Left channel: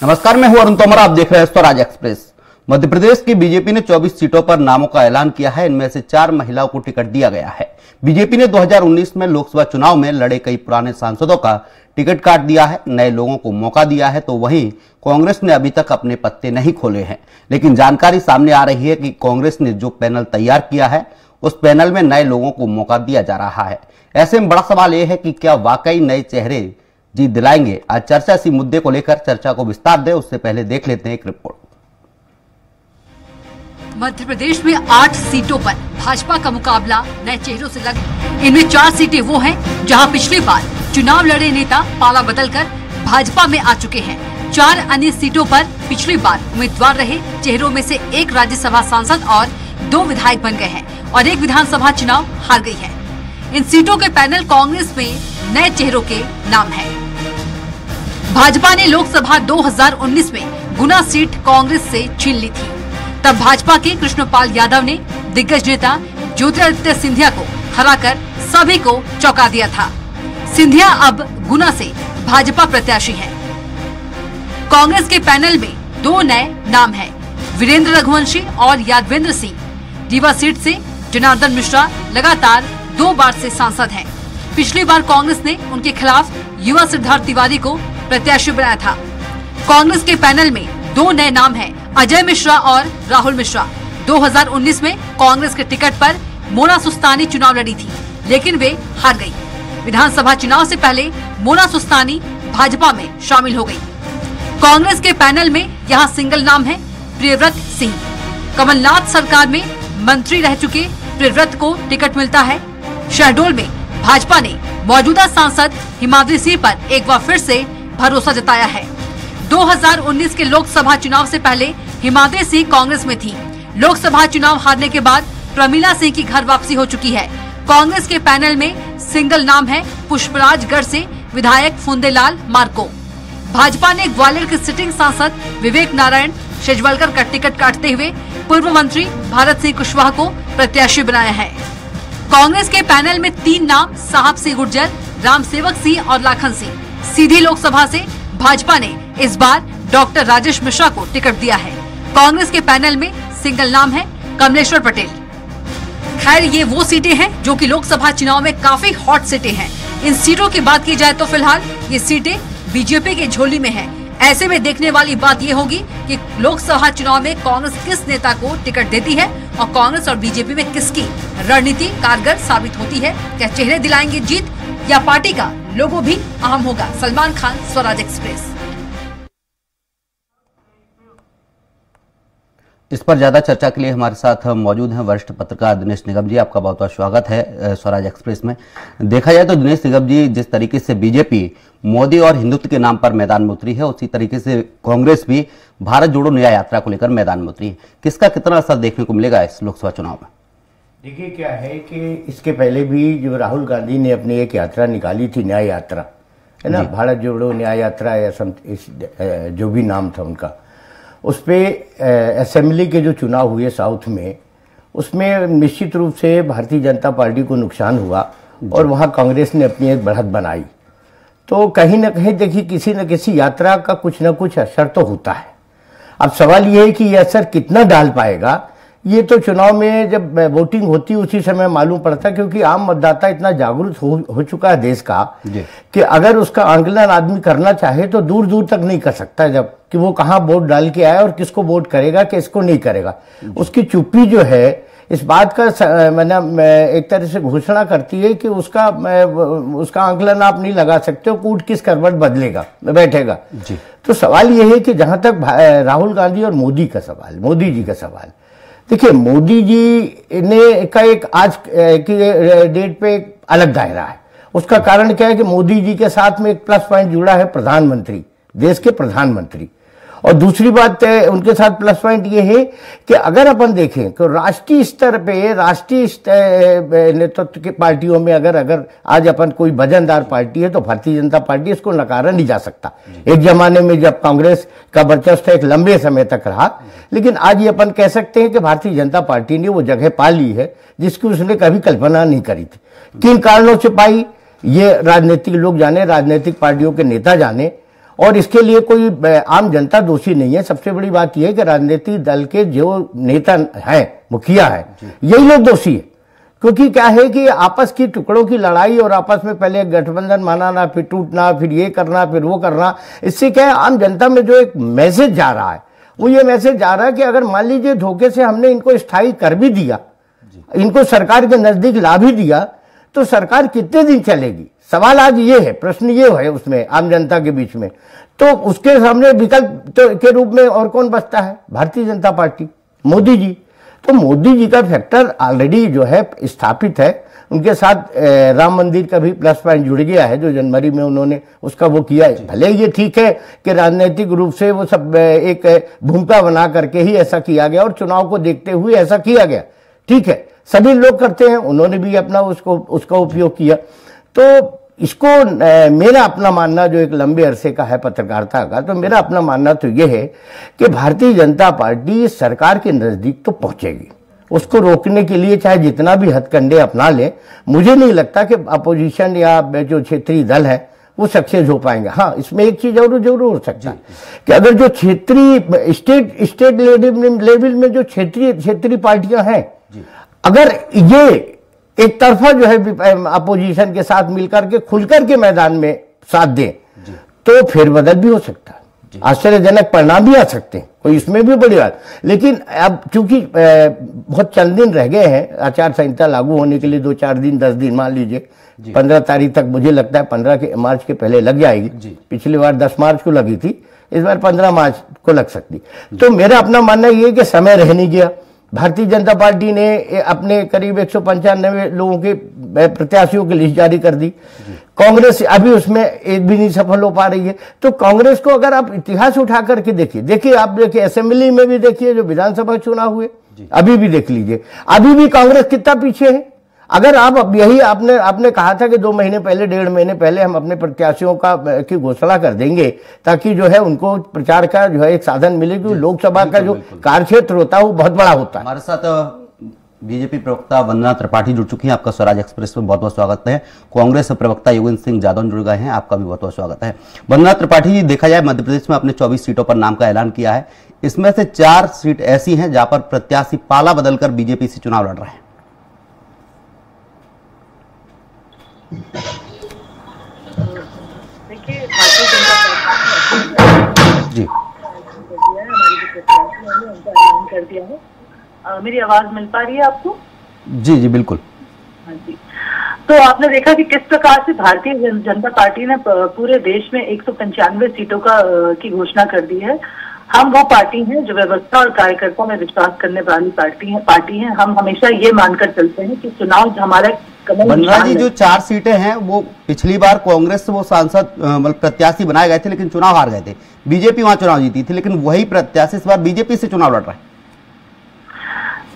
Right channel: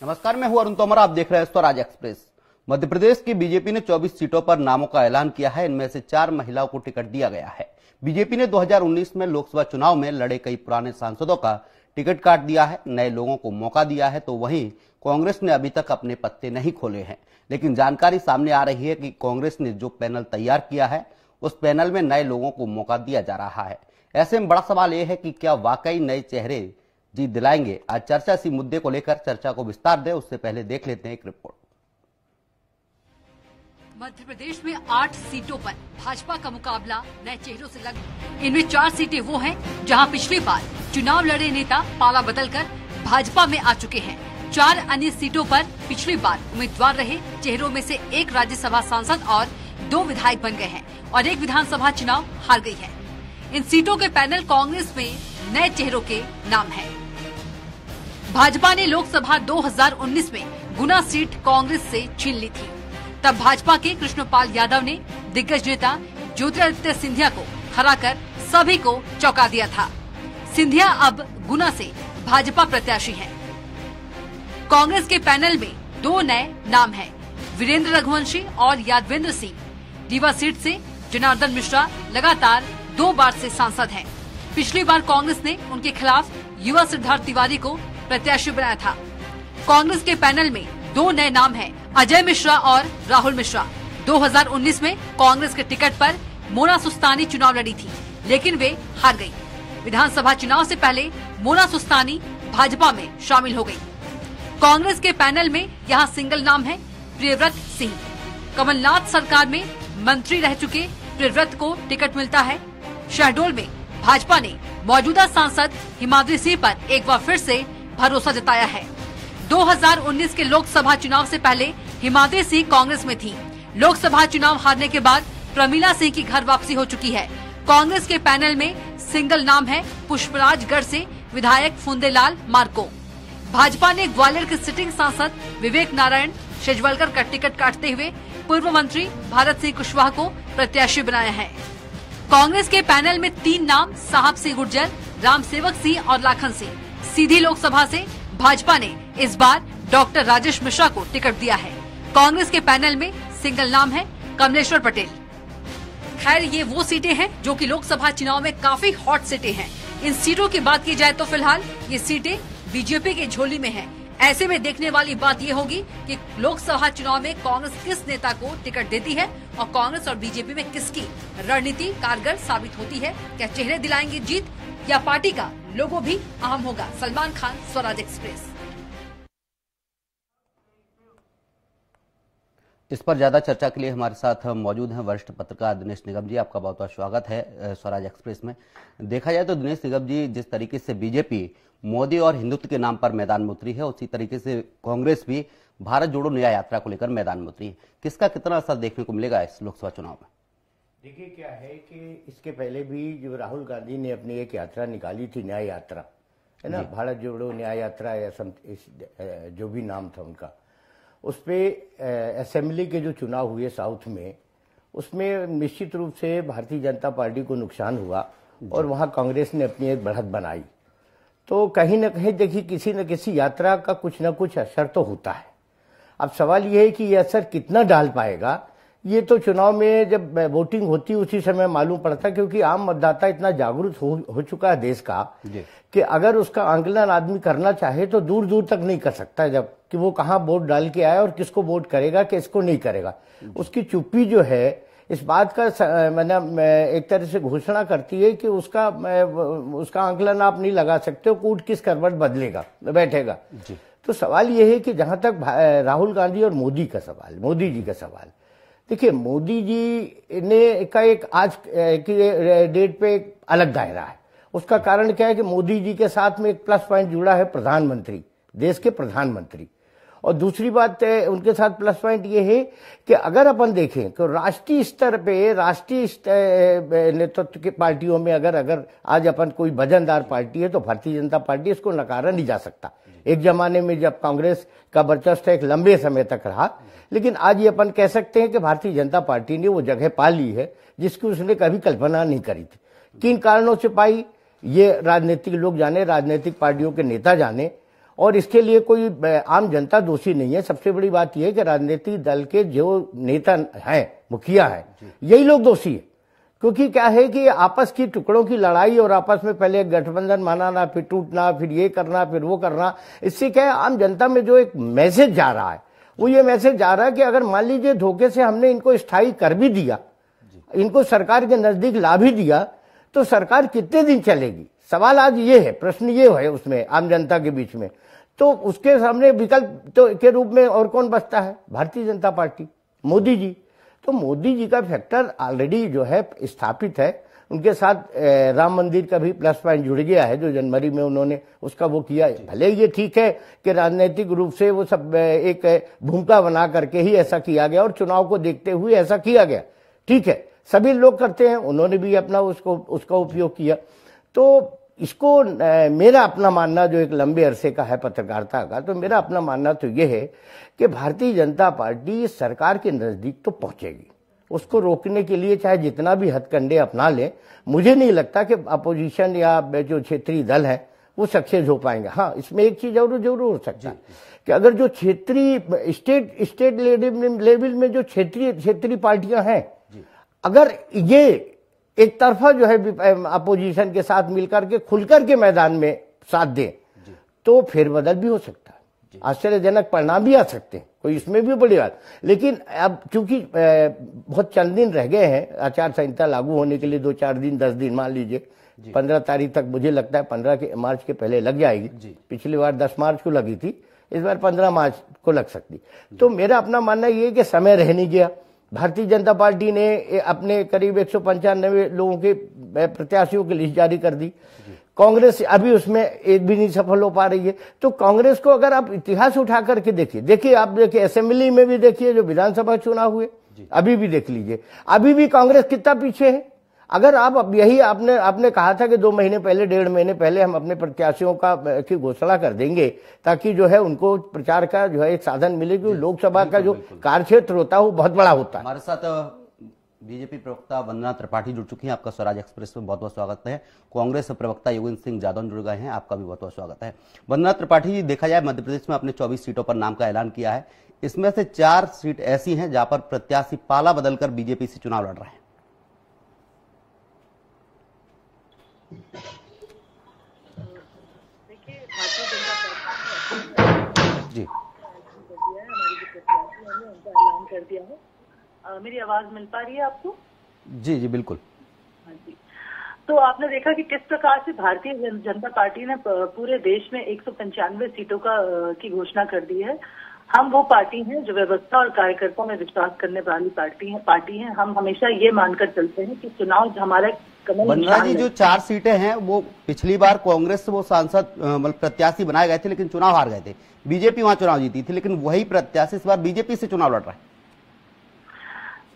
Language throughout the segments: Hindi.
नमस्कार, मैं हूं अरुण तोमर। आप देख रहे हैं स्वराज एक्सप्रेस। मध्य प्रदेश की बीजेपी ने 24 सीटों पर नामों का ऐलान किया है। इनमें से 4 महिलाओं को टिकट दिया गया है। बीजेपी ने 2019 में लोकसभा चुनाव में लड़े कई पुराने सांसदों का टिकट काट दिया है, नए लोगों को मौका दिया है। तो वहीं कांग्रेस ने अभी तक अपने पत्ते नहीं खोले हैं। लेकिन जानकारी सामने आ रही है कि कांग्रेस ने जो पैनल तैयार किया है उस पैनल में नए लोगों को मौका दिया जा रहा है। ऐसे में बड़ा सवाल यह है कि क्या वाकई नए चेहरे जीत दिलाएंगे। आज चर्चा इसी मुद्दे को लेकर चर्चा को विस्तार दें, उससे पहले देख लेते हैं एक रिपोर्ट। मध्य प्रदेश में 8 सीटों पर भाजपा का मुकाबला नए चेहरों से लगे। इनमें 4 सीटें वो हैं जहां पिछली बार चुनाव लड़े नेता पाला बदलकर भाजपा में आ चुके हैं। 4 अन्य सीटों पर पिछली बार उम्मीदवार रहे चेहरों में से एक राज्यसभा सांसद और 2 विधायक बन गए हैं और एक विधानसभा चुनाव हार गई है। इन सीटों के पैनल कांग्रेस में नए चेहरों के नाम है। भाजपा ने लोकसभा 2019 में गुना सीट कांग्रेस से छीन ली थी। तब भाजपा के कृष्णपाल यादव ने दिग्गज नेता ज्योतिरादित्य सिंधिया को हराकर सभी को चौंका दिया था। सिंधिया अब गुना से भाजपा प्रत्याशी हैं। कांग्रेस के पैनल में 2 नए नाम हैं, वीरेंद्र रघुवंशी और यादवेंद्र सिंह। रीवा सीट से जनार्दन मिश्रा लगातार 2 बार से सांसद हैं। पिछली बार कांग्रेस ने उनके खिलाफ युवा सिद्धार्थ तिवारी को प्रत्याशी बनाया था। कांग्रेस के पैनल में 2 नए नाम हैं, अजय मिश्रा और राहुल मिश्रा। 2019 में कांग्रेस के टिकट पर मोना सुस्तानी चुनाव लड़ी थी, लेकिन वे हार गई। विधानसभा चुनाव से पहले मोना सुस्तानी भाजपा में शामिल हो गई। कांग्रेस के पैनल में यहाँ सिंगल नाम है प्रियव्रत सिंह। कमलनाथ सरकार में मंत्री रह चुके प्रियव्रत को टिकट मिलता है। शहडोल में भाजपा ने मौजूदा सांसद हिमाद्री सिंह पर एक बार फिर से भरोसा जताया है। 2019 के लोकसभा चुनाव से पहले हिमाद्री सिंह कांग्रेस में थी। लोकसभा चुनाव हारने के बाद प्रमिला सिंह की घर वापसी हो चुकी है। कांग्रेस के पैनल में सिंगल नाम है पुष्पराजगढ़ से विधायक फुंदेलाल मार्को। भाजपा ने ग्वालियर के सिटिंग सांसद विवेक नारायण शेजवलकर का टिकट काटते हुए पूर्व मंत्री भारत सिंह कुशवाहा को प्रत्याशी बनाया है। कांग्रेस के पैनल में 3 नाम साहब सिंह गुर्जर, राम सेवक सिंह और लाखन सिंह। सीधी लोकसभा से भाजपा ने इस बार डॉक्टर राजेश मिश्रा को टिकट दिया है। कांग्रेस के पैनल में सिंगल नाम है कमलेश्वर पटेल। खैर, ये वो सीटें हैं जो कि लोकसभा चुनाव में काफी हॉट सीटें हैं। इन सीटों की बात की जाए तो फिलहाल ये सीटें बीजेपी के झोली में हैं। ऐसे में देखने वाली बात ये होगी कि लोकसभा चुनाव में कांग्रेस किस नेता को टिकट देती है और कांग्रेस और बीजेपी में किसकी रणनीति कारगर साबित होती है। क्या चेहरे दिलाएंगे जीत या पार्टी का लोगो भी अहम होगा। सलमान खान, स्वराज एक्सप्रेस। इस पर ज्यादा चर्चा के लिए हमारे साथ मौजूद हैं वरिष्ठ पत्रकार दिनेश निगम जी। आपका बहुत बहुत स्वागत है स्वराज एक्सप्रेस में। देखा जाए तो दिनेश निगम जी, जिस तरीके से बीजेपी मोदी और हिंदुत्व के नाम पर मैदान में उतरी है, उसी तरीके से कांग्रेस भी भारत जोड़ो न्याय यात्रा को लेकर मैदान में उतरी है। किसका कितना असर देखने को मिलेगा इस लोकसभा चुनाव में? देखिए, क्या है कि इसके पहले भी जो राहुल गांधी ने अपनी एक यात्रा निकाली थी, न्याय यात्रा है ना, भारत जोड़ो न्याय यात्रा या जो भी नाम था उनका, उस पर असेंबली के जो चुनाव हुए साउथ में, उसमें निश्चित रूप से भारतीय जनता पार्टी को नुकसान हुआ और वहाँ कांग्रेस ने अपनी एक बढ़त बनाई। तो कहीं ना कहीं देखिए, किसी न किसी यात्रा का कुछ ना कुछ असर तो होता है। अब सवाल ये है कि ये असर कितना डाल पाएगा, ये तो चुनाव में जब वोटिंग होती है उसी समय मालूम पड़ता है, क्योंकि आम मतदाता इतना जागरूक हो चुका है देश का कि अगर उसका आंकलन आदमी करना चाहे तो दूर दूर तक नहीं कर सकता, जब कि वो कहाँ वोट डाल के आया और किसको वोट करेगा किसको नहीं करेगा। उसकी चुप्पी जो है इस बात का एक तरह से घोषणा करती है कि उसका आंकलन आप नहीं लगा सकते हो, कूट किस करवट बदलेगा बैठेगा जी। तो सवाल ये है कि जहां तक राहुल गांधी और मोदी जी का सवाल, देखिए, मोदी जी ने का एक आज की डेट पे एक अलग दायरा है। उसका कारण क्या है कि मोदी जी के साथ में एक प्लस पॉइंट जुड़ा है, प्रधानमंत्री, देश के प्रधानमंत्री। और दूसरी बात उनके साथ प्लस पॉइंट ये है कि अगर अपन देखें तो राष्ट्रीय स्तर पे, राष्ट्रीय नेतृत्व की पार्टियों में अगर आज अपन कोई वजनदार पार्टी है तो भारतीय जनता पार्टी, इसको नकारा नहीं जा सकता। एक जमाने में जब कांग्रेस का वर्चस्व एक लंबे समय तक रहा, लेकिन आज ये अपन कह सकते हैं कि भारतीय जनता पार्टी ने वो जगह पा ली है जिसकी उसने कभी कल्पना नहीं करी थी। किन कारणों से पाई ये राजनीतिक लोग जाने, राजनीतिक पार्टियों के नेता जाने। और इसके लिए कोई आम जनता दोषी नहीं है। सबसे बड़ी बात यह है कि राजनीतिक दल के जो नेता हैं, मुखिया है, यही लोग दोषी है। क्योंकि क्या है कि आपस की टुकड़ों की लड़ाई और आपस में पहले गठबंधन बनाना, फिर टूटना, फिर ये करना, फिर वो करना, इससे क्या है आम जनता में जो एक मैसेज जा रहा है वो ये मैसेज जा रहा है कि अगर मान लीजिए धोखे से हमने इनको स्थायी कर भी दिया, इनको सरकार के नजदीक ला भी दिया, तो सरकार कितने दिन चलेगी? सवाल आज ये है, प्रश्न ये है उसमें आम जनता के बीच में। तो उसके सामने विकल्प के रूप में और कौन बचता है? भारतीय जनता पार्टी, मोदी जी। तो मोदी जी का फैक्टर ऑलरेडी जो है स्थापित है। उनके साथ राम मंदिर का भी प्लस पॉइंट जुड़ गया है, जो जनवरी में उन्होंने उसका वो किया है। भले ये ठीक है कि राजनीतिक रूप से वो सब एक भूमिका बना करके ही ऐसा किया गया और चुनाव को देखते हुए ऐसा किया गया, ठीक है, सभी लोग करते हैं, उन्होंने भी अपना उसका उपयोग किया। तो इसको मेरा अपना मानना जो एक लंबे अरसे का है पत्रकारिता का, तो मेरा अपना मानना तो यह है कि भारतीय जनता पार्टी सरकार के नजदीक तो पहुंचेगी। उसको रोकने के लिए चाहे जितना भी हथकंडे अपना ले, मुझे नहीं लगता कि अपोजिशन या जो क्षेत्रीय दल है वो सक्सेस हो पाएंगे। हाँ, इसमें एक चीज जरूर हो सकता है कि अगर जो क्षेत्रीय स्टेट लेवल में जो क्षेत्रीय पार्टियां हैं, अगर ये एक तरफा जो है अपोजिशन के साथ मिलकर के खुलकर के मैदान में साथ दें, तो फेरबदल भी हो सकता है, आश्चर्यजनक परिणाम भी आ सकते हैं, कोई इसमें भी बड़ी बात। लेकिन अब चूंकि बहुत चंद दिन रह गए हैं आचार संहिता लागू होने के लिए, 2-4 दिन 10 दिन मान लीजिए, 15 तारीख तक मुझे लगता है 15 मार्च के पहले लग जाएगी। पिछली बार 10 मार्च को लगी थी, इस बार 15 मार्च को लग सकती। तो मेरा अपना मानना यह है कि समय रह नहीं गया। भारतीय जनता पार्टी ने अपने करीब 195 लोगों के प्रत्याशियों की लिस्ट जारी कर दी। कांग्रेस अभी उसमें एक भी नहीं सफल हो पा रही है। तो कांग्रेस को अगर आप इतिहास उठा करके देखिए आप देखिए असेंबली में भी देखिए, जो विधानसभा चुनाव हुए अभी भी देख लीजिए, अभी भी कांग्रेस कितना पीछे है। अगर आप अब यही आपने कहा था कि 2 महीने पहले, 1.5 महीने पहले हम अपने प्रत्याशियों की घोषणा कर देंगे ताकि जो है उनको प्रचार का जो है एक साधन मिले, क्योंकि लोकसभा का जो कार्यक्षेत्र होता है वो बहुत बड़ा होता है। हमारे साथ बीजेपी प्रवक्ता वंदना त्रिपाठी जुड़ चुकी हैं। आपका स्वराज एक्सप्रेस में बहुत बहुत स्वागत है। कांग्रेस प्रवक्ता योगेंद्र सिंह यादव जुड़ गए हैं, आपका भी बहुत बहुत स्वागत है। वंदना त्रिपाठी जी, देखा जाए मध्य प्रदेश में अपने 24 सीटों पर नाम का ऐलान किया है। इसमें से 4 सीट ऐसी हैं जहां पर प्रत्याशी पाला बदलकर बीजेपी से चुनाव लड़ रहे हैं। देखिए, भारतीय जनता पार्टी जी हमारी जो प्रत्याशी है उनका ऐलान कर दिया है। मेरी आवाज मिल पा रही है आपको? जी जी बिल्कुल। हाँ जी। तो आपने देखा कि किस प्रकार से भारतीय जनता पार्टी ने पूरे देश में 195 सीटों की घोषणा कर दी है। हम वो पार्टी हैं जो व्यवस्था और कार्यकर्ताओं में विश्वास करने वाली पार्टी है। हम हमेशा ये मानकर चलते हैं कि चुनाव हमारा वंदना जी, जो 4 सीटें हैं वो पिछली बार कांग्रेस से वो सांसद प्रत्याशी बनाए गए थे, लेकिन चुनाव हार गए थे। बीजेपी वहां चुनाव जीती थी, लेकिन वही प्रत्याशी इस बार बीजेपी से चुनाव लड़ रहा है।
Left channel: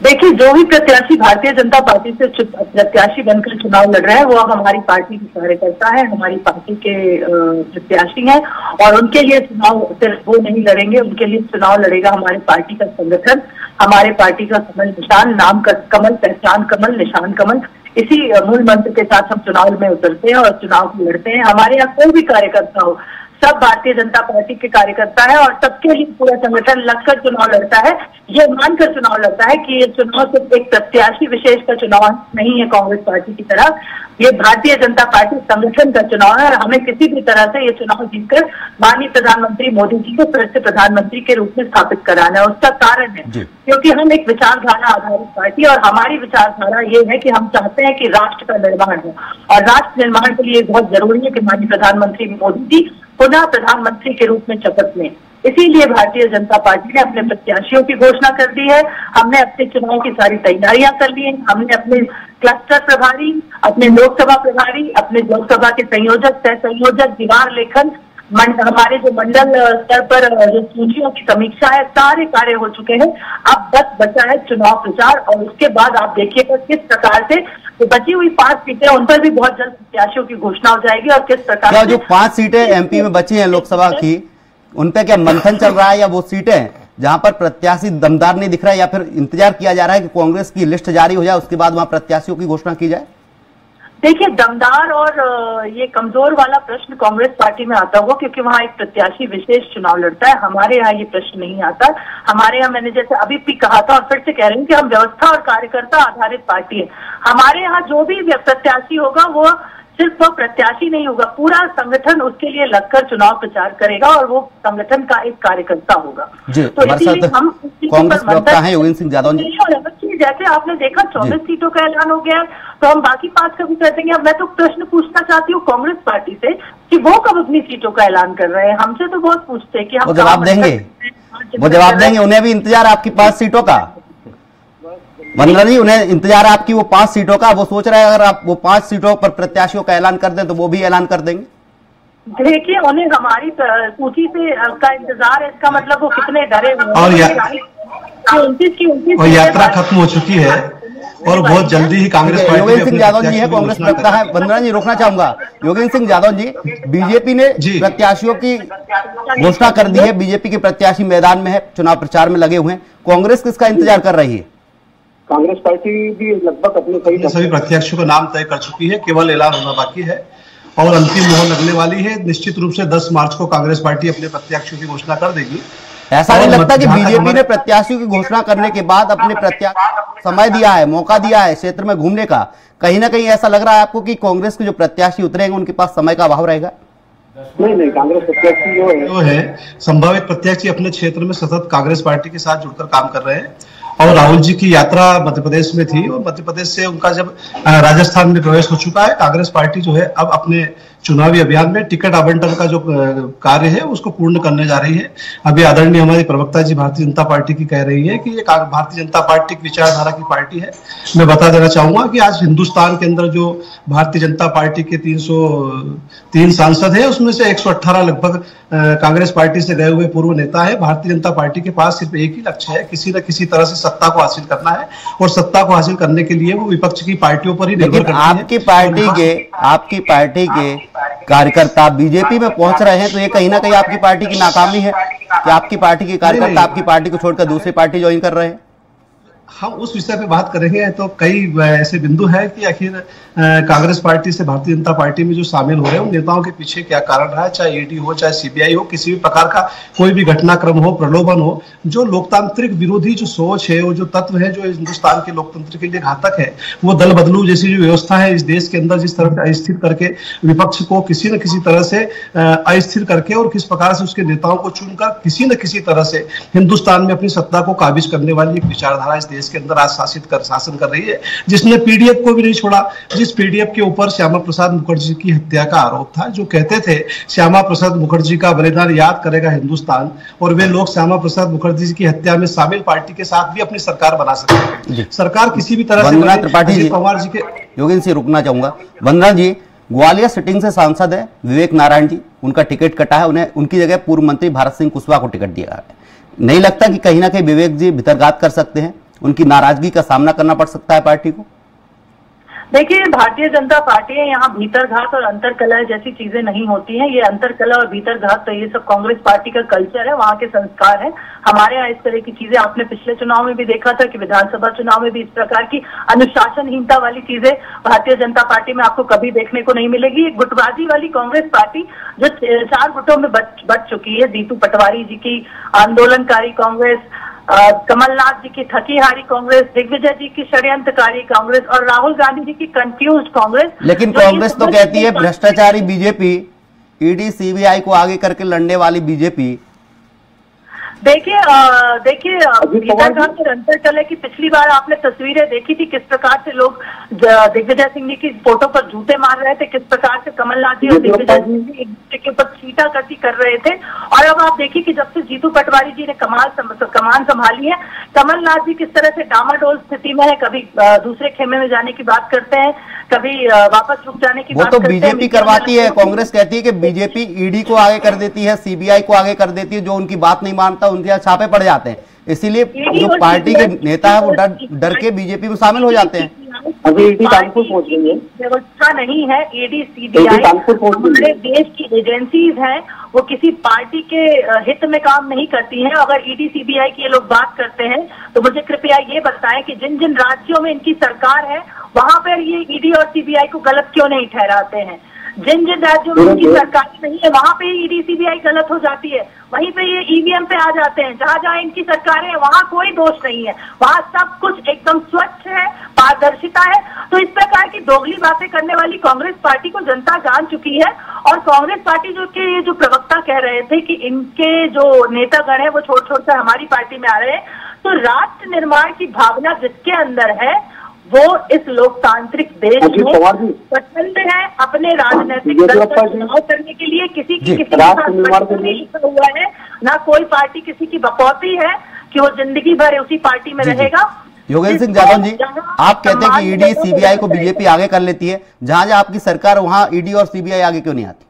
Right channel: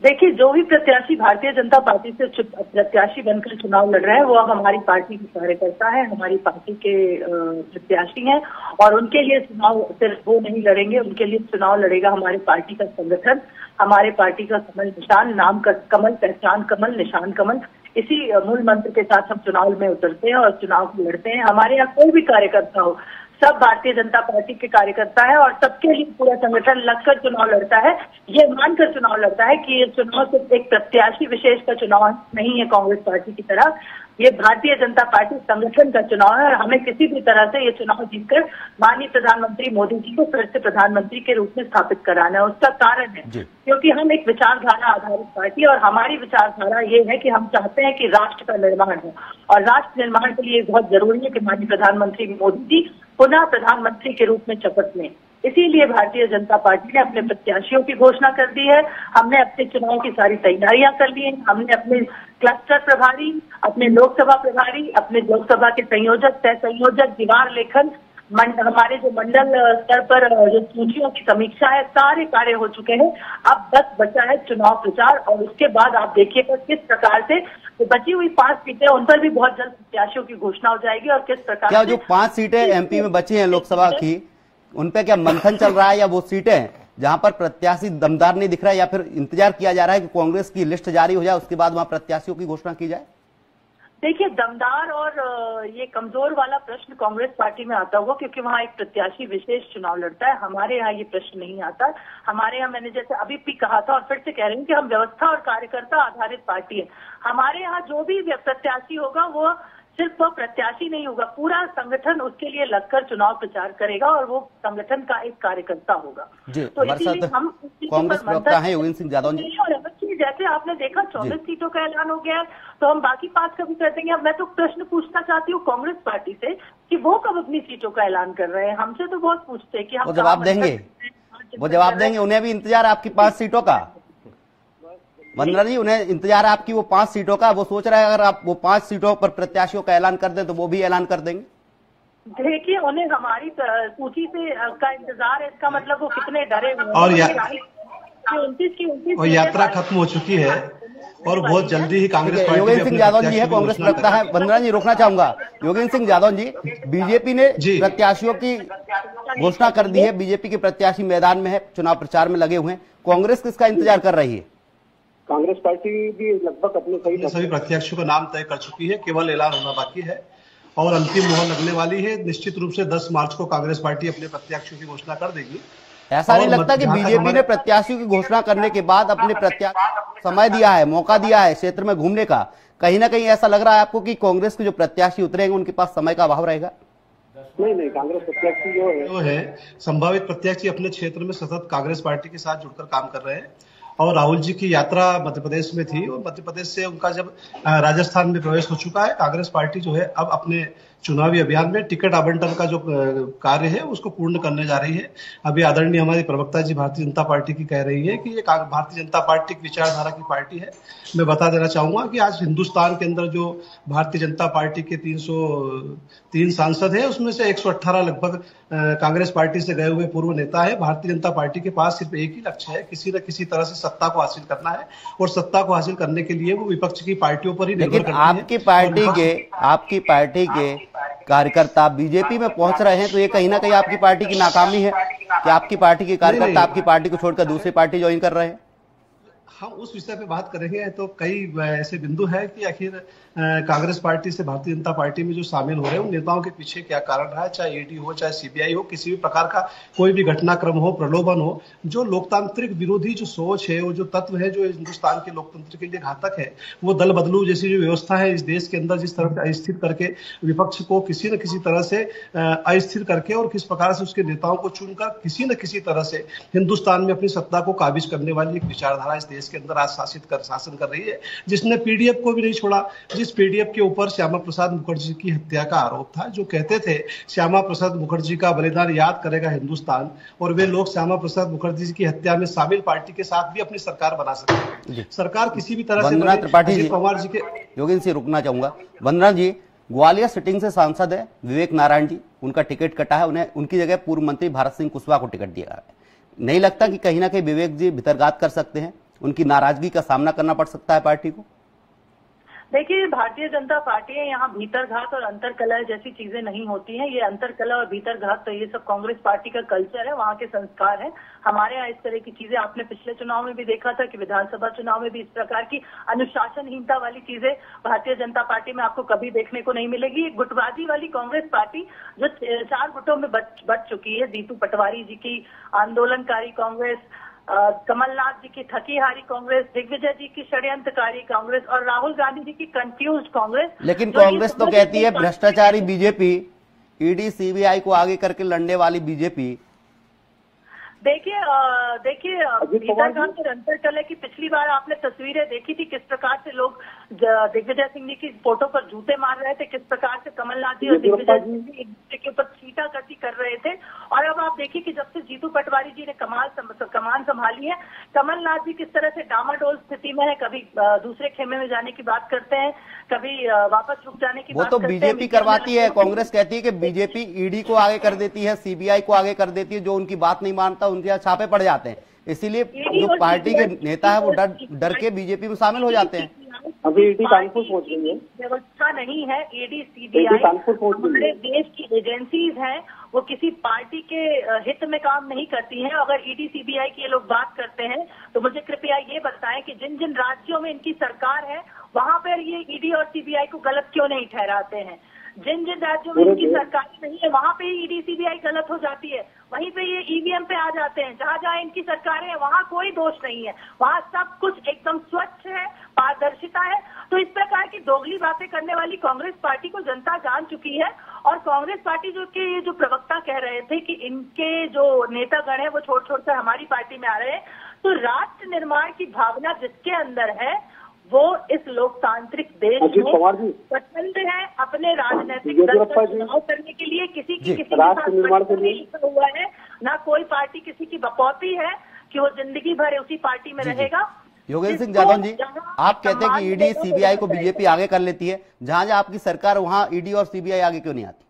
देखिए, जो भी प्रत्याशी भारतीय जनता पार्टी से प्रत्याशी बनकर चुनाव लड़ रहे हैं वो अब हमारी पार्टी के कार्यकर्ता है, हमारी पार्टी के प्रत्याशी हैं, और उनके लिए चुनाव सिर्फ वो नहीं लड़ेंगे, उनके लिए चुनाव लड़ेगा हमारी पार्टी का संगठन, हमारे पार्टी का कमल निशान, नाम का कमल, पहचान कमल, निशान कमल। इसी मूल मंत्र के साथ हम चुनाव में उतरते हैं और चुनाव लड़ते हैं। हमारे यहाँ कोई भी कार्यकर्ता हो, सब भारतीय जनता पार्टी के कार्यकर्ता है और सबके लिए पूरा संगठन लगकर चुनाव लड़ता है। ये मानकर चुनाव लड़ता है कि ये चुनाव सिर्फ एक प्रत्याशी विशेष का चुनाव नहीं है कांग्रेस पार्टी की तरह, ये भारतीय जनता पार्टी संगठन का चुनाव है। और हमें किसी भी तरह से ये चुनाव जीतकर माननीय प्रधानमंत्री मोदी जी को फिर से प्रधानमंत्री के रूप में स्थापित कराना है। उसका कारण है क्योंकि हम एक विचारधारा आधारित पार्टी, और हमारी विचारधारा ये है कि हम चाहते हैं कि राष्ट्र का निर्माण हो, और राष्ट्र निर्माण के लिए बहुत जरूरी है कि माननीय प्रधानमंत्री मोदी जी पुनः प्रधानमंत्री के रूप में शपथ लें। इसीलिए भारतीय जनता पार्टी ने अपने प्रत्याशियों की घोषणा कर दी है। हमने अपने चुनाव की सारी तैयारियां कर ली हैं। हमने अपने क्लस्टर प्रभारी, अपने लोकसभा प्रभारी, अपने लोकसभा के संयोजक, सह संयोजक, दीवार लेखन, हमारे जो मंडल स्तर पर जो सूचियों की समीक्षा है, सारे कार्य हो चुके हैं। अब बस बचा है चुनाव प्रचार, और उसके बाद आप देखिएगा किस प्रकार से तो बची हुई 5 सीटें उन पर भी बहुत जल्द प्रत्याशियों की घोषणा हो जाएगी। और किस प्रकार क्या जो 5 सीटें एमपी में बची हैं लोकसभा की, उन पे क्या मंथन चल रहा है, या वो सीटें जहां पर प्रत्याशी दमदार नहीं दिख रहा है, या फिर इंतजार किया जा रहा है कि कांग्रेस की लिस्ट जारी हो जाए उसके बाद वहां प्रत्याशियों की घोषणा की जाए? देखिए, दमदार और ये कमजोर वाला प्रश्न कांग्रेस पार्टी में आता होगा, क्योंकि वहाँ एक प्रत्याशी विशेष चुनाव लड़ता है। हमारे यहाँ ये प्रश्न नहीं आता। हमारे यहाँ, मैंने जैसे अभी भी कहा था और फिर से कह रही हूँ कि हम व्यवस्था और कार्यकर्ता आधारित पार्टी है। हमारे यहाँ जो भी प्रत्याशी होगा वो सिर्फ वो प्रत्याशी नहीं होगा, पूरा संगठन उसके लिए लगकर चुनाव प्रचार करेगा और वो संगठन का एक कार्यकर्ता होगा। तो इसीलिए हम कांग्रेस प्रवक्ता हैं योगेंद्र सिंह यादव जी। जैसे आपने देखा 24 सीटों का ऐलान हो गया, तो हम बाकी 5 का भी कर देंगे। अब मैं तो प्रश्न पूछना चाहती हूँ कांग्रेस पार्टी से कि वो कब अपनी सीटों का ऐलान कर रहे हैं। हमसे तो बहुत पूछते हैं कि हम जवाब देंगे, वो जवाब देंगे। उन्हें भी इंतजार आपकी 5 सीटों का, वंदना जी, उन्हें इंतजार आपकी वो 5 सीटों का। वो सोच रहे हैं अगर आप वो 5 सीटों पर प्रत्याशियों का ऐलान कर दें तो वो भी ऐलान कर देंगे। देखिए, उन्हें हमारी सूची से का इंतजार है, इसका मतलब वो कितने डरे हुए हैं। और यात्रा खत्म हो चुकी है और बहुत जल्दी ही कांग्रेस पार्टी। योगेंद्र सिंह यादव जी है, कांग्रेस प्रवक्ता है। वंदना जी, रोकना चाहूंगा। योगेंद्र सिंह यादव जी, बीजेपी ने प्रत्याशियों की घोषणा कर दी है। बीजेपी के प्रत्याशी मैदान में है, चुनाव प्रचार में लगे हुए हैं। कांग्रेस किसका इंतजार कर रही है? कांग्रेस पार्टी भी लगभग अपने सभी प्रत्याशियों का नाम तय कर चुकी है, केवल ऐलान होना बाकी है और अंतिम मोहर लगने वाली है। निश्चित रूप से 10 मार्च को कांग्रेस पार्टी अपने प्रत्याशियों की घोषणा कर देगी। ऐसा नहीं लगता कि बीजेपी ने प्रत्याशियों की घोषणा करने के बाद अपने प्रत्याशी समय दिया है, मौका दिया है क्षेत्र में घूमने का? कहीं ना कहीं ऐसा लग रहा है आपको कि कांग्रेस के जो प्रत्याशी उतरेंगे उनके पास समय का अभाव रहेगा? नहीं, कांग्रेस प्रत्याशी जो है संभावित प्रत्याशी अपने क्षेत्र में सतत कांग्रेस पार्टी के साथ जुड़कर काम कर रहे हैं। और राहुल जी की यात्रा मध्य प्रदेश में थी और मध्य प्रदेश से उनका जब राजस्थान में प्रवेश हो चुका है, कांग्रेस पार्टी जो है अब अपने चुनावी अभियान में टिकट आवंटन का जो कार्य है उसको पूर्ण करने जा रही है। अभी आदरणीय हमारी प्रवक्ता जी भारतीय जनता पार्टी की कह रही है कि ये भारतीय जनता पार्टी की विचारधारा की पार्टी है। मैं बता देना चाहूंगा कि आज हिंदुस्तान के अंदर जो भारतीय जनता पार्टी के 303 सांसद है उसमें से 118 लगभग कांग्रेस पार्टी से गए हुए पूर्व नेता है। भारतीय जनता पार्टी के पास सिर्फ एक ही लक्ष्य है, किसी न किसी तरह से सत्ता को हासिल करना है और सत्ता को हासिल करने के लिए वो विपक्ष की पार्टियों पर ही निर्भर करती है। आपकी पार्टी के कार्यकर्ता बीजेपी में पहुंच रहे हैं, तो ये कहीं ना कहीं आपकी पार्टी की नाकामी है कि आपकी पार्टी के कार्यकर्ता आपकी पार्टी को छोड़कर दूसरी पार्टी ज्वाइन कर रहे हैं? हम उस विषय पे बात करेंगे तो कई ऐसे बिंदु है कि आखिर कांग्रेस पार्टी से भारतीय जनता पार्टी में जो शामिल हो रहे हैं उन नेताओं के पीछे क्या कारण रहा है, चाहे ईडी हो चाहे सीबीआई हो, किसी भी प्रकार का कोई भी घटनाक्रम हो, प्रलोभन हो, जो लोकतांत्रिक विरोधी जो सोच है और जो तत्व है जो हिंदुस्तान के लोकतंत्र के लिए घातक है, वो दल बदलू जैसी जो व्यवस्था है इस देश के अंदर जिस तरह से अस्थिर करके विपक्ष को किसी न किसी तरह से अस्थिर करके और किस प्रकार से उसके नेताओं को चुनकर किसी न किसी तरह से हिंदुस्तान में अपनी सत्ता को काबिज करने वाली एक विचारधारा इस देश के अंदर आज शासन कर रही है, जिसने पीडीएफ को भी नहीं छोड़ा। जिस पीडीएफ के ऊपर श्यामा प्रसाद मुखर्जी की हत्या का आरोप था, जो कहते थे श्यामा प्रसाद मुखर्जी का बलिदान याद करेगा हिंदुस्तान, और वे लोग श्यामा प्रसाद मुखर्जी की हत्या में शामिल पार्टी के साथ भी अपनी सरकार बना सकते हैं। सरकार किसी भी तरह से त्रिपाठी जी, पवार जी के योगेंद्र से रुकना चाहूंगा। वंदना जी, ग्वालियर सिटिंग से सांसद है विवेक नारायण जी, उनका टिकट कटा है, उन्हें उनकी जगह पूर्व मंत्री भारत सिंह कुशवाहा को टिकट दिया है। नहीं लगता कि कहीं ना कहीं विवेक जी भितरघात कर सकते हैं, उनकी नाराजगी का सामना करना पड़ सकता है पार्टी को? देखिए, भारतीय जनता पार्टी है, यहाँ भीतरघात और अंतरकलह जैसी चीजें नहीं होती हैं। ये अंतरकलह और भीतरघात तो ये सब कांग्रेस पार्टी का कल्चर है, वहाँ के संस्कार है। हमारे यहाँ इस तरह की चीजें आपने पिछले चुनाव में भी देखा था कि विधानसभा चुनाव में भी इस प्रकार की अनुशासनहीनता वाली चीजें भारतीय जनता पार्टी में आपको कभी देखने को नहीं मिलेगी। ये गुटबाजी वाली कांग्रेस पार्टी जो 4 गुटों में बट चुकी है, जीतू पटवारी जी की आंदोलनकारी कांग्रेस, कमलनाथ जी की थकीहारी कांग्रेस, दिग्विजय जी की षड्यंत्रकारी कांग्रेस और राहुल गांधी जी की कंफ्यूज कांग्रेस। लेकिन कांग्रेस तो कहती है भ्रष्टाचारी बीजेपी, ईडी सीबीआई को आगे करके लड़ने वाली बीजेपी। देखिए भीतरघात और अंतरकलह की पिछली बार आपने तस्वीरें देखी थी, किस प्रकार से लोग दिग्विजय सिंह जी की फोटो पर जूते मार रहे थे, किस प्रकार से कमलनाथ जी और दिग्विजय सिंह जी एक दूसरे के ऊपर छींटाकशी कर रहे थे। और अब आप देखिए कि जब से जीतू पटवारी जी ने कमान संभाली है, कमलनाथ जी किस तरह से डामाडोल स्थिति में है, कभी दूसरे खेमे में जाने की बात करते हैं, कभी वापस रुक जाने की बात करते हैं। वो तो बीजेपी करवाती है, कांग्रेस कहती है कि बीजेपी ईडी को आगे कर देती है, सीबीआई को आगे कर देती है, जो उनकी बात नहीं मानता उनके यहाँ छापे पड़ जाते हैं। इसीलिए जो पार्टी के नेता है वो डर के बीजेपी में शामिल हो जाते हैं। अभी ईडी कानपुर पहुंच गई है, व्यवस्था नहीं है। ईडी सीबीआई हमारे देश की एजेंसीज हैं, वो किसी पार्टी के हित में काम नहीं करती हैं। अगर ईडी सीबीआई की ये लोग बात करते हैं तो मुझे कृपया ये बताएं कि जिन जिन राज्यों में इनकी सरकार है वहां पर ये ईडी और सीबीआई को गलत क्यों नहीं ठहराते हैं? जिन जिन राज्यों में उनकी सरकार नहीं है वहां पे ईडी सीबीआई गलत हो जाती है, वहीं पे ये ईवीएम पे आ जाते हैं। जहां जहां इनकी सरकारें हैं वहां कोई दोष नहीं है, वहां सब कुछ एकदम स्वच्छ है, पारदर्शिता है। तो इस प्रकार की दोगली बातें करने वाली कांग्रेस पार्टी को जनता जान चुकी है। और कांग्रेस पार्टी जो प्रवक्ता कह रहे थे कि इनके जो नेतागण है वो छोड़ छोड़कर हमारी पार्टी में आ रहे हैं, तो राष्ट्र निर्माण की भावना जिसके अंदर है वो इस लोकतांत्रिक देश में पसंद है अपने राजनीतिक दल का चुनाव करने के लिए। किसी की किसी नहीं लिखा हुआ है, ना कोई पार्टी किसी की बकौती है कि वो जिंदगी भर उसी पार्टी में रहेगा। योगेंद्र सिंह यादव जी, आप कहते हैं कि ईडी सीबीआई को बीजेपी आगे कर लेती है, जहां जहां आपकी सरकार वहां ईडी और सीबीआई आगे क्यों नहीं आती?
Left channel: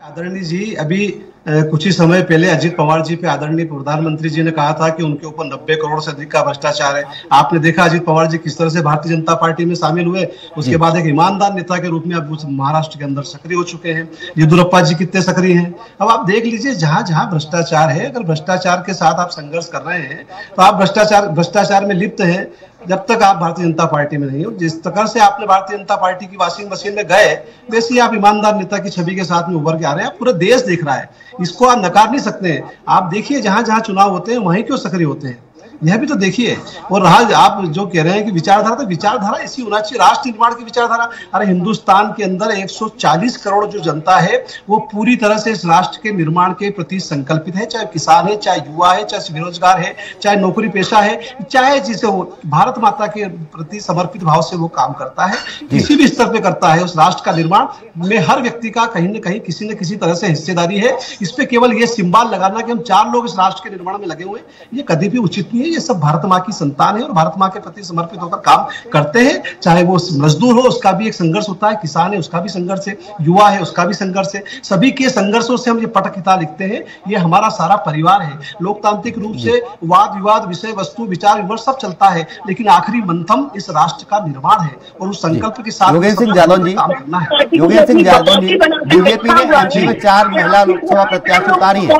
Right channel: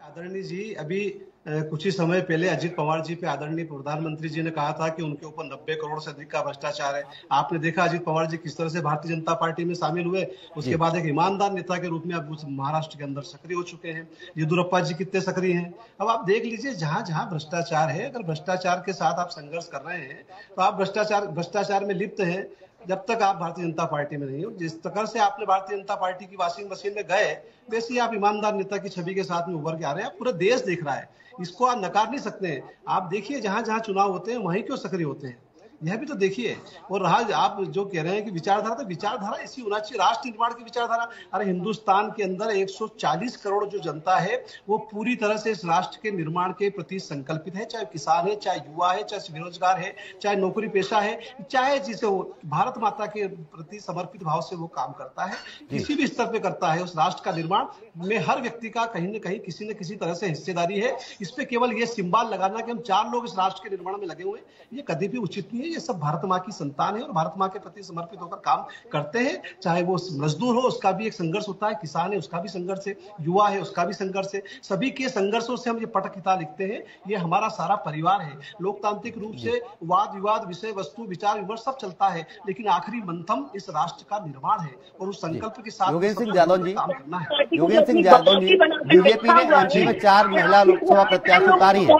आदरणीय जी, अभी कुछ ही समय पहले अजित पवार जी पे आदरणीय प्रधानमंत्री जी ने कहा था कि उनके ऊपर 90 करोड़ से अधिक का भ्रष्टाचार है। आपने देखा अजित पवार जी किस तरह से भारतीय जनता पार्टी में शामिल हुए, उसके बाद एक ईमानदार नेता के रूप में अब महाराष्ट्र के अंदर सक्रिय हो चुके हैं। येदियुरप्पा जी कितने सक्रिय हैं। अब आप देख लीजिए, जहां जहां भ्रष्टाचार है, अगर भ्रष्टाचार के साथ आप संघर्ष कर रहे हैं तो आप भ्रष्टाचार में लिप्त हैं जब तक आप भारतीय जनता पार्टी में नहीं हो। जिस तरह से आपने भारतीय जनता पार्टी की वॉशिंग मशीन में गए, वैसे ही आप ईमानदार नेता की छवि के साथ में उभर के आ रहे हैं। पूरा देश देख रहा है, इसको आप नकार नहीं सकते। आप देखिए जहां जहां चुनाव होते हैं वहीं क्यों सक्रिय होते हैं, यह भी तो देखिए। और रहा आप जो कह रहे हैं कि विचारधारा, तो विचारधारा ऐसी होना चाहिए, राष्ट्र निर्माण की विचारधारा। अरे हिंदुस्तान के अंदर 140 करोड़ जो जनता है वो पूरी तरह से इस राष्ट्र के निर्माण के प्रति संकल्पित है, चाहे किसान है, चाहे युवा है, चाहे बेरोजगार है, चाहे नौकरी पेशा है, चाहे जिसे वो भारत माता के प्रति समर्पित भाव से वो काम करता है, किसी भी स्तर पे करता है। उस राष्ट्र का निर्माण में हर व्यक्ति का कहीं न कहीं किसी न किसी तरह से हिस्सेदारी है। इस पे केवल ये सिंबल लगाना कि हम 4 लोग इस राष्ट्र के निर्माण में लगे हुए, ये कभी भी उचित नहीं है। ये सब भारत माँ की संतान है और भारत माँ के प्रति समर्पित होकर काम करते हैं। चाहे वो मजदूर हो, उसका भी एक संघर्ष होता है, किसान है उसका भी संघर्ष है, युवा है उसका भी संघर्ष है। सभी के संघर्षों से हम ये पटकथा लिखते हैं। ये हमारा सारा परिवार है। लोकतांत्रिक रूप से वाद विवाद, विषय वस्तु, विचार विमर्श सब चलता है, लेकिन आखिरी मंथम इस राष्ट्र का निर्माण है और उस संकल्प के साथ योगेंद्र सिंह यादव जी, बीजेपी ने एमपी में 4 महिला लोकसभा प्रत्याशी उतारी है।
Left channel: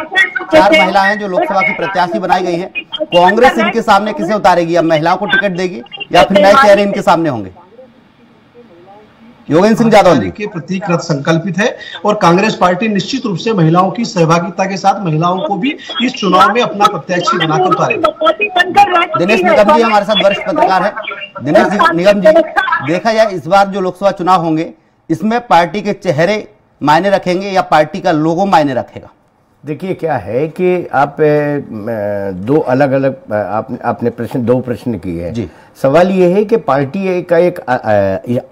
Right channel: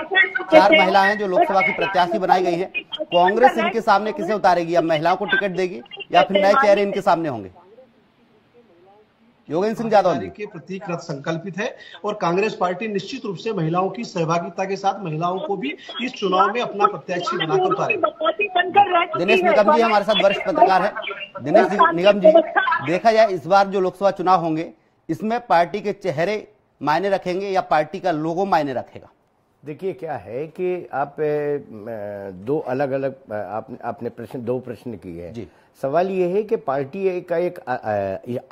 4 महिलाएं जो लोकसभा की प्रत्याशी बनाई गई है। कांग्रेस इनके सामने किसे उतारेगी? अब महिलाओं को टिकट देगी या फिर नए चेहरे इनके सामने होंगे? योगेंद्र सिंह यादव जी के प्रति कृत संकल्पित है और कांग्रेस पार्टी निश्चित रूप से महिलाओं की सहभागिता के साथ महिलाओं को भी इस चुनाव में अपना प्रत्याशी बनाकर उतारेगी। दिनेश निगम जी हमारे साथ वरिष्ठ पत्रकार है। दिनेश निगम जी, देखा जाए इस बार जो लोकसभा चुनाव होंगे इसमें पार्टी के चेहरे मायने रखेंगे या पार्टी का लोगो मायने रखेगा? देखिए क्या है कि आप दो अलग अलग आपने दो प्रश्न किए हैं। सवाल ये है कि पार्टी का एक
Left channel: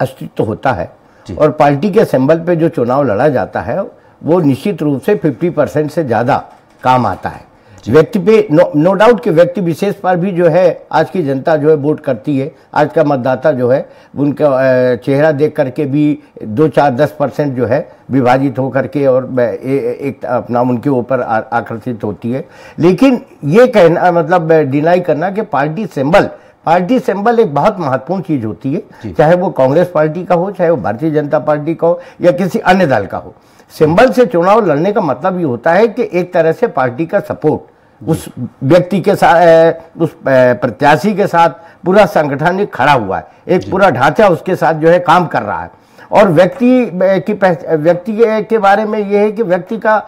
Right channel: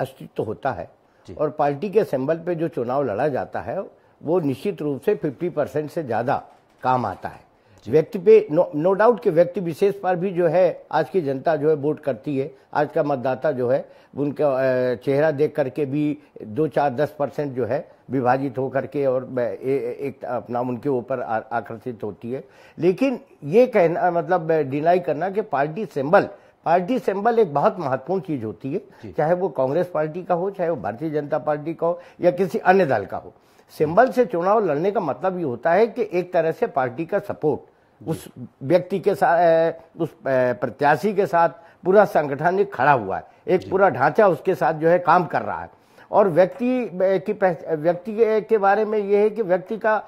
अस्तित्व होता है और पार्टी के सिंबल पे जो चुनाव लड़ा जाता है वो निश्चित रूप से 50% से ज्यादा काम आता है। व्यक्ति पे नो डाउट कि व्यक्ति विशेष पर भी जो है आज की जनता जो है वोट करती है। आज का मतदाता जो है उनका चेहरा देख करके भी 2-4-10% जो है विभाजित होकर के और एक अपना उनके ऊपर आकर्षित होती है। लेकिन ये कहना मतलब डिनाई करना कि पार्टी सिंबल एक बहुत महत्वपूर्ण चीज होती है, चाहे वो कांग्रेस पार्टी का हो, चाहे वो भारतीय जनता पार्टी का हो या किसी अन्य दल का हो। सिंबल से चुनाव लड़ने का मतलब ये होता है कि एक तरह से पार्टी का सपोर्ट उस व्यक्ति के साथ, उस प्रत्याशी के साथ पूरा संगठन खड़ा हुआ है, एक पूरा ढांचा उसके साथ जो है काम कर रहा है। और व्यक्ति के बारे में ये है कि व्यक्ति का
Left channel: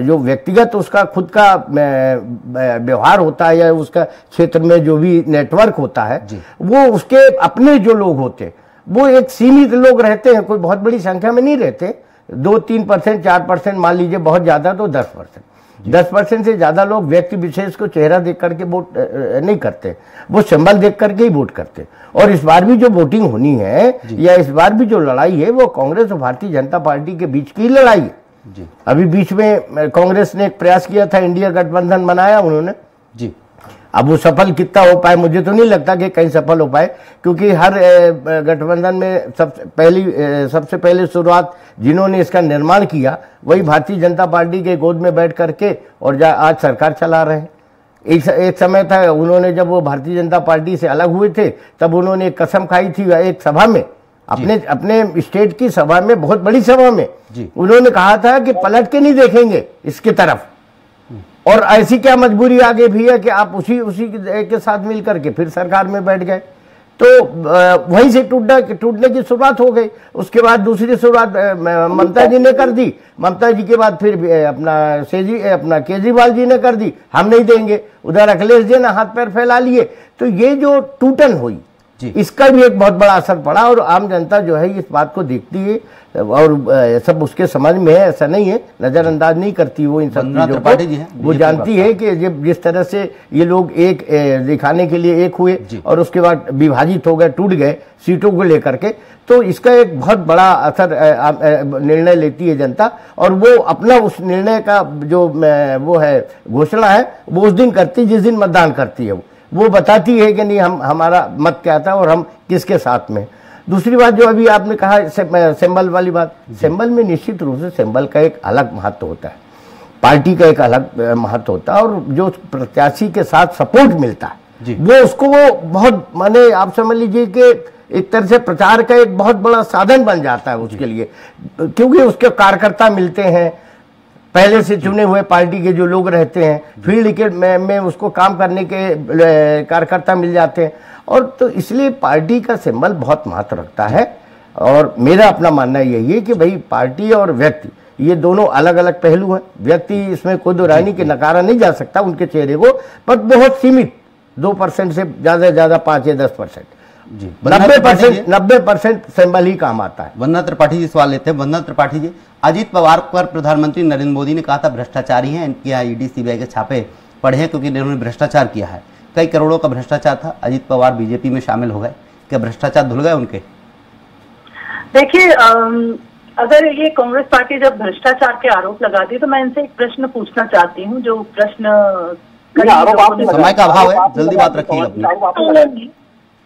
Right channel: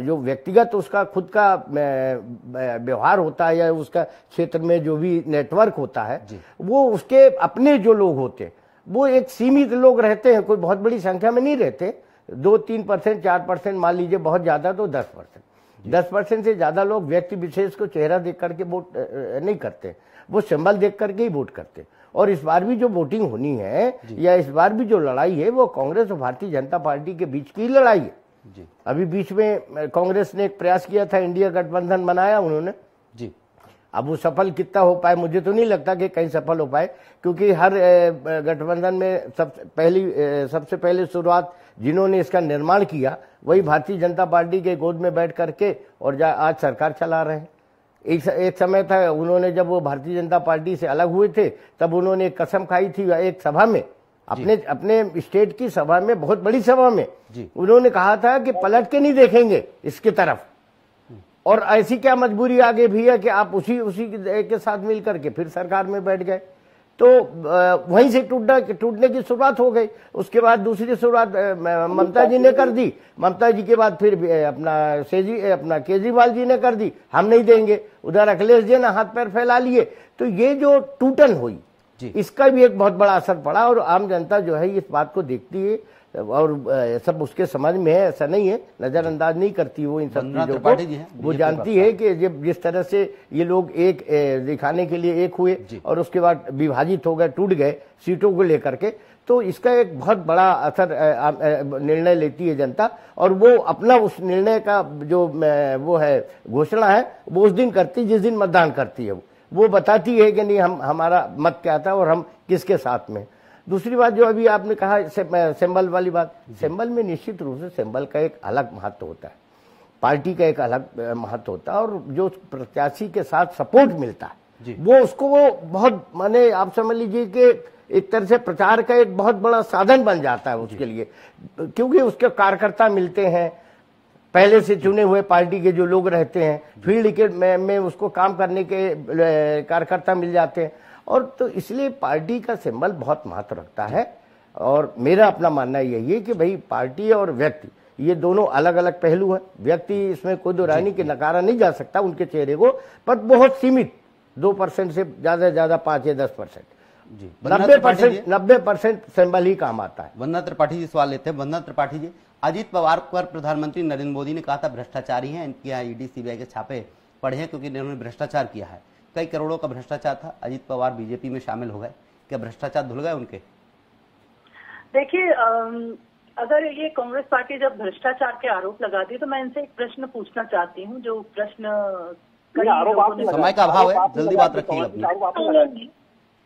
जो व्यक्तिगत उसका खुद का व्यवहार होता है या उसका क्षेत्र में जो भी नेटवर्क होता है वो उसके अपने जो लोग होते वो एक सीमित लोग रहते हैं, कोई बहुत बड़ी संख्या में नहीं रहते। 2-3%, 4% मान लीजिए बहुत ज्यादा तो 10% से ज्यादा लोग व्यक्ति विशेष को चेहरा देख करके वोट नहीं करते, वो सिंबल देख करके ही वोट करते। और इस बार भी जो वोटिंग होनी है या इस बार भी जो लड़ाई है वो कांग्रेस और भारतीय जनता पार्टी के बीच की लड़ाई है। अभी बीच में कांग्रेस ने एक प्रयास किया था, इंडिया गठबंधन बनाया उन्होंने जी। अब वो सफल कितना हो पाए मुझे तो नहीं लगता कि कहीं सफल हो पाए, क्योंकि हर गठबंधन में सबसे पहले शुरुआत जिन्होंने इसका निर्माण किया वही भारतीय जनता पार्टी के गोद में बैठ करके और आज सरकार चला रहे हैं। एक समय था उन्होंने जब वो भारतीय जनता पार्टी से अलग हुए थे तब उन्होंने एक कसम खाई थी एक सभा में, अपने स्टेट की सभा में, बहुत बड़ी सभा में उन्होंने कहा था कि पलट के नहीं देखेंगे इसके तरफ। और ऐसी क्या मजबूरी आगे भी है कि आप उसी के साथ मिल करके फिर सरकार में बैठ गए। तो वहीं से टूटने की शुरुआत हो गई। उसके बाद दूसरी शुरुआत ममता जी ने कर दी, ममता जी के बाद फिर अपना केजरीवाल जी ने कर दी, हम नहीं देंगे। उधर अखिलेश जी ने हाथ पैर फैला लिए। तो ये जो टूटन हुई इसका भी एक बहुत बड़ा असर पड़ा, और आम जनता जो है इस बात को देखती है और सब उसके समझ में है, ऐसा नहीं है, नजरअंदाज नहीं करती वो इन सब चीजों को। वो जानती है कि जिस तरह से ये लोग एक दिखाने के लिए एक हुए और उसके बाद विभाजित हो गए, टूट गए सीटों को लेकर के, तो इसका एक बहुत बड़ा असर निर्णय लेती है जनता, और वो अपना उस निर्णय का जो वो है घोषणा है वो उस दिन करती जिस दिन मतदान करती है। वो बताती है कि नहीं हमारा मत क्या था और हम किसके साथ में। दूसरी बात जो अभी आपने कहा सिंबल वाली बात, सिंबल में निश्चित रूप से सिंबल का एक अलग महत्व होता है, पार्टी का एक अलग महत्व होता है, और जो प्रत्याशी के साथ सपोर्ट मिलता है वो उसको वो बहुत, माने आप समझ लीजिए कि एक तरह से प्रचार का एक बहुत बड़ा साधन बन जाता है उसके लिए, क्योंकि उसके कार्यकर्ता मिलते हैं, पहले से चुने हुए पार्टी के जो लोग रहते हैं, फील्ड के में उसको काम करने के कार्यकर्ता मिल जाते हैं, और तो इसलिए पार्टी का सिंबल बहुत महत्व रखता है। और मेरा अपना मानना यही है कि भाई पार्टी और व्यक्ति ये दोनों अलग अलग पहलू हैं। व्यक्ति इसमें कोई दो राय नहीं कि नकारा नहीं जा सकता उनके चेहरे को, पर बहुत सीमित 2% से ज्यादा 5 या 10%, 90% सिंबल ही काम आता है। वंदना त्रिपाठी जी सवाल लेते हैं। वंदना त्रिपाठी जी, अजीत पवार पर प्रधानमंत्री नरेंद्र मोदी ने कहा था भ्रष्टाचारी हैं, इनके यहाँ ईडी सीबीआई के छापे पड़े हैं क्योंकि इन्होंने भ्रष्टाचार किया है। कई करोड़ों का भ्रष्टाचार था, अजीत पवार बीजेपी में शामिल हो गए, क्या भ्रष्टाचार धुल गए उनके? देखिए, अगर ये कांग्रेस पार्टी जब भ्रष्टाचार के आरोप लगाती है तो मैं इनसे एक प्रश्न पूछना चाहती हूँ, जो प्रश्न समय का अभाव है, जल्दी बात रखिए।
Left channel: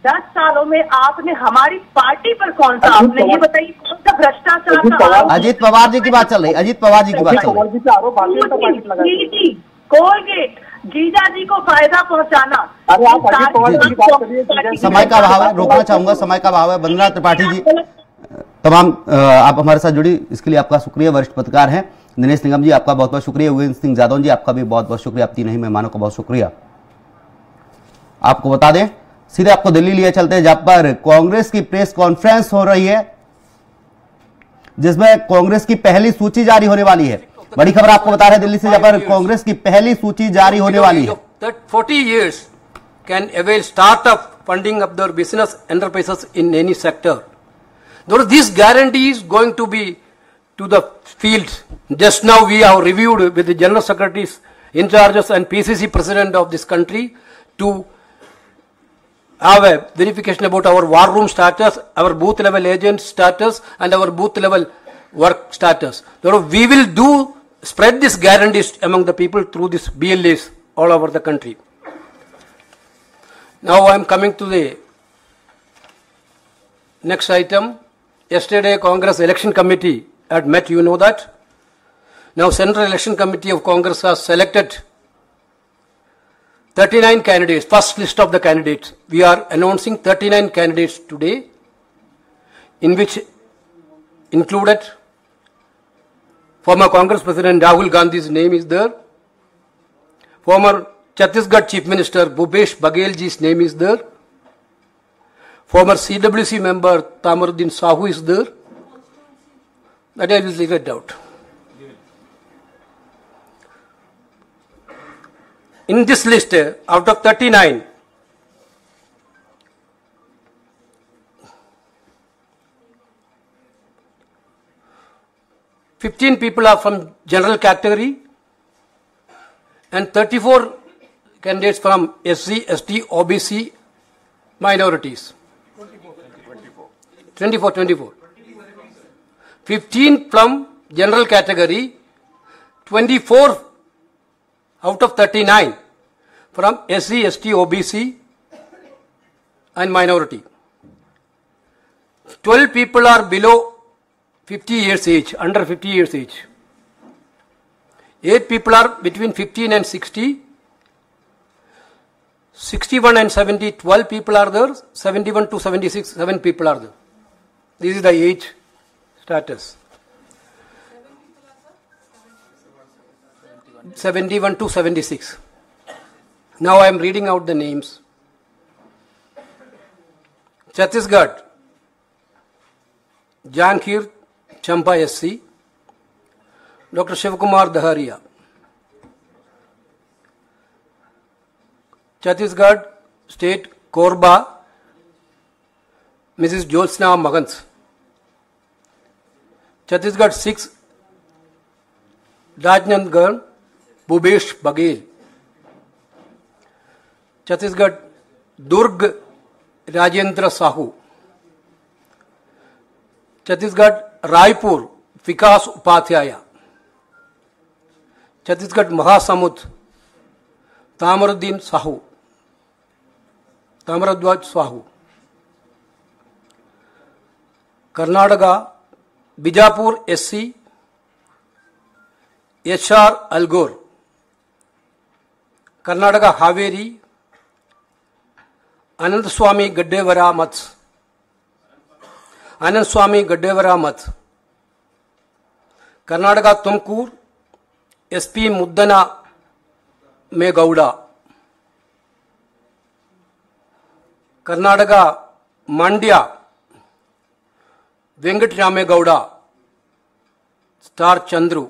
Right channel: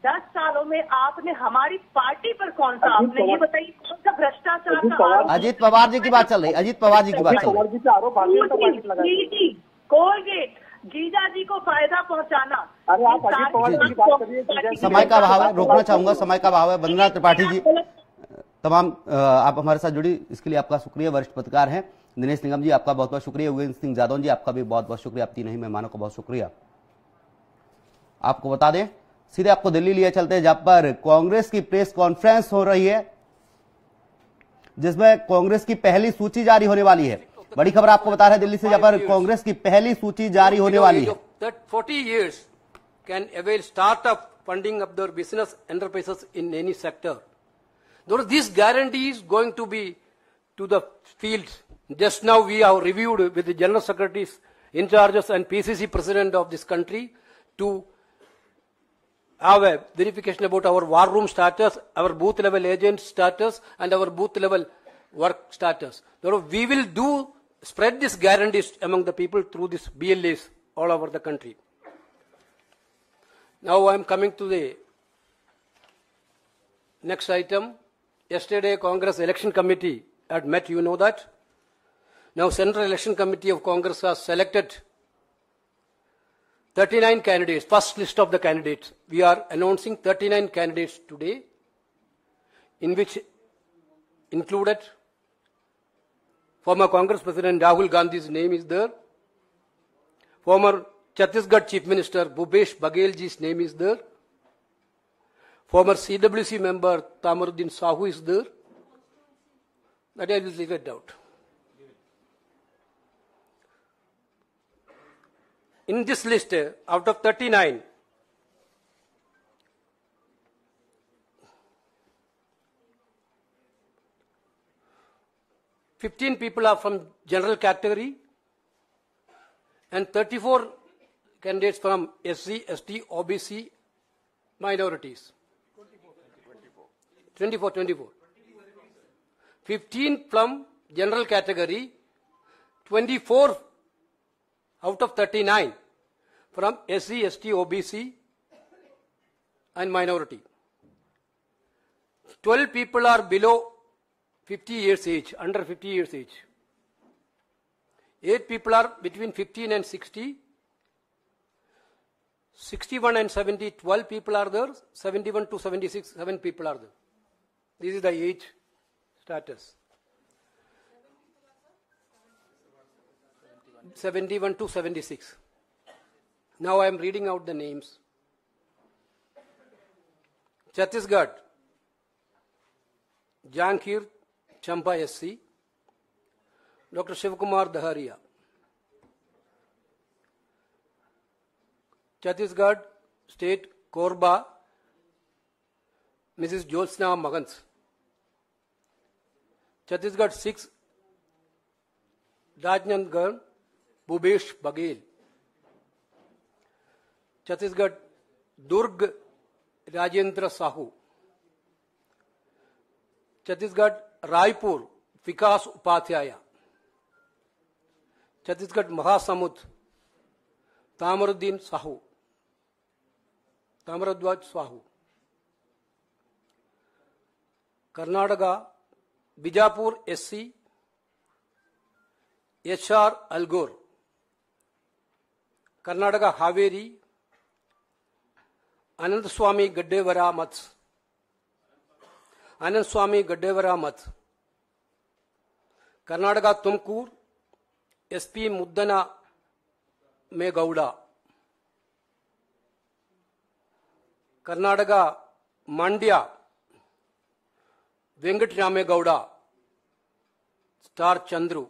10 सालों में आपने हमारी पार्टी पर कौन सा, आपने ये बताइए कौन सा भ्रष्टाचार का? अजीत पवार जी की बात चल रही, अजीत पवार जी की बात चल रही। कोलगेट, जीजा जी को फायदा पहुंचाना। समय का अभाव है, रोकना चाहूंगा, समय का अभाव है। वंदना त्रिपाठी जी तमाम आप हमारे साथ जुड़ी, इसके लिए आपका शुक्रिया। वरिष्ठ पत्रकार हैं दिनेश निगम जी, आपका बहुत बहुत शुक्रिया। योगेंद्र सिंह जादव जी, आपका भी बहुत बहुत शुक्रिया। आप तीनों ही मेहमानों का बहुत शुक्रिया। आपको बता दें, सीधे आपको दिल्ली लिए चलते हैं, जहां पर कांग्रेस की प्रेस कॉन्फ्रेंस हो रही है, जिसमें कांग्रेस की पहली सूची जारी होने वाली है। बड़ी खबर आपको बता रहे हैं दिल्ली से, जहां पर कांग्रेस की पहली सूची जारी होने वाली है। 40 years can avail startup funding of their business enterprises in any sector. Though this guarantee is going to be to the field. Just now we have reviewed with the general secretaries in charges and PCC president of this country to have a verification about our war room status, our booth level agent status and our booth level work status. Therefore, we will spread this guarantees among the people through this BLAs all over the country. Now I am coming to the next item. Yesterday Congress Election Committee had met, you know that. Now Central Election Committee of Congress has selected 39 candidates, first list of the candidates. We are announcing 39 candidates today, in which included former Congress President Rahul Gandhi's name is there. Former Chhattisgarh Chief Minister Bhupesh Baghel ji's name is there. Former CWC member Tamaruddin Sahu is there. That I will leave it out. In this list, out of 39, 15 people are from general category and 34 candidates from SC, ST, OBC, minorities. 24. 15 from general category, 24 out of 39 from SC, ST, OBC and minority. 12 people are below 50 years age, under 50 years age. 8 people are between 15 and 60. 61 and 70, 12 people are there. 71 to 76, 7 people are there. This is the age status. 71 to 76. Now I am reading out the names. Chhattisgarh Janjgir Champa SC, doctor Shivkumar Dahariya. Chhattisgarh state Korba Mrs Jyotsna मगंस। Chhattisgarh 6 Rajnandgaon Bhupesh Baghel. Chhattisgarh Durg Rajendra Sahu. Chhattisgarh Raipur Vikas Upadhyay. Chhattisgarh Mahasamund Tamruddin Sahu, Tamradhwaj Sahu. Karnataka Bijapur SC HR Alagur. Karnataka Haveri Anand Swamy Gaddadevaramath. Anand Swamy Gaddadevaramath. Karnataka Tumkur SP Muddahanumegowda. Karnataka Mandya Venkataramegowda star Chandru.